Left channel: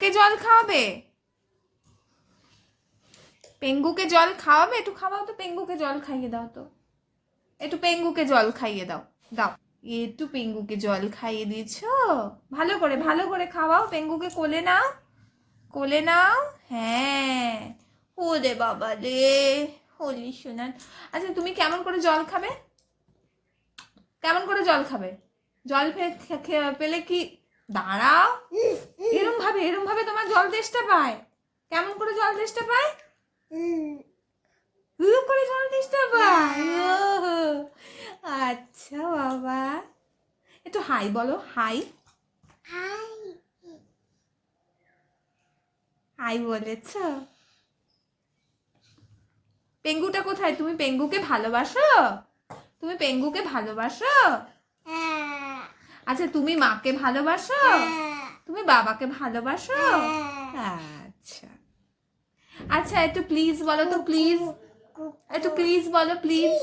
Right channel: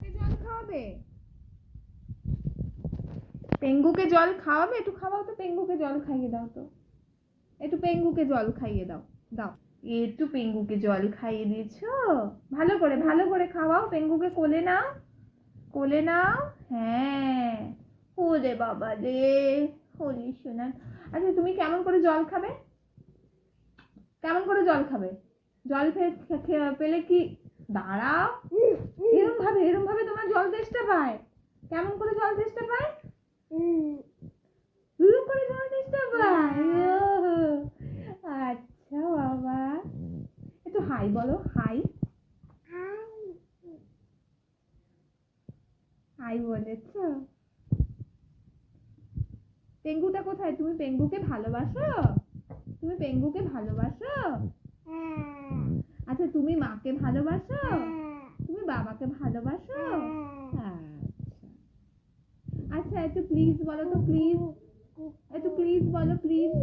কে জল খাওয়াবে? পেঙ্গুকে জল খাওয়াবে? একটু খাওয়াও তো, পেঙ্গুকে জল খাইয়ে দাও তো, একটু পেঙ্গুকে জল খাইয়ে দাও। দাও, একটু পেঙ্গুকে জল খাইয়ে দিয়েছো, ভালো করে ভালো করে খাওয়াও। পেঙ্গুকে কোলে নাও, কোলে নাও। হ্যাঁ, ওরে বাবা রে, হলি শোনান। আচ্ছা তুমি কেমন করে জল খাবে? কেমন করে জল খাবে? জল পেলে কি দাঁড়াও, এরম ভাবে তোমার জল তেষ্টা পায়? কেমন করে জল তেষ্টা পায়? করে জল তেষ্টা পায়? আচ্ছা বাবা, একটু হাই বলো, হাই। হাই বলেছ? পেঙ্গুটা কোথায়? তুমি পেঙ্গুকে ভালোবাসো? তুমি পেঙ্গুকে ভালোবাসো? আচ্ছা তুমি মাকে ভালোবাসো? তুমি বাবাকে ভালোবাসো? আচ্ছা আচ্ছা, একটু প্লিজ বলো তো, প্লিজ একটু প্লিজ বলো, প্লিজ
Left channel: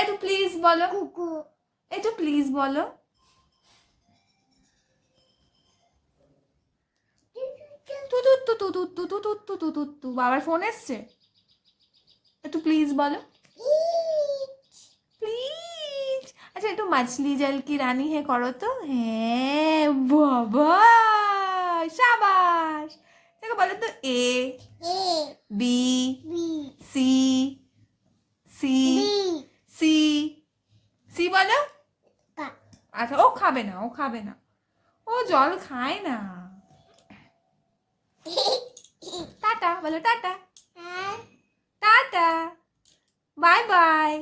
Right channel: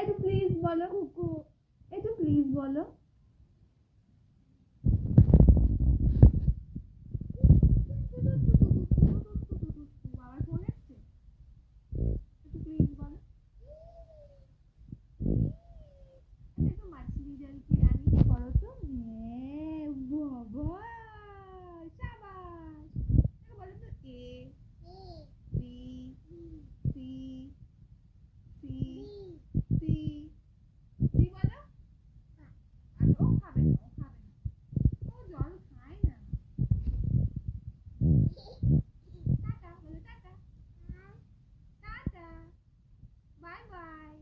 একটু প্লিজ বলো, একটু প্লিজ বলো। বাবার ফোন এসছে, একটু প্লিজ বলো, প্লিজ। আচ্ছা একটু মাছলি জল কি রানী হে করো তো। হ্যাঁ বাবা, শাবাশ। দেখো বলো তো, A B C, C C C বলো। আচ্ছা ও খাবে না, ও খাবে না, ও জল খায় না। টাটা বলো, টাটা, টাটা, বাই বাই।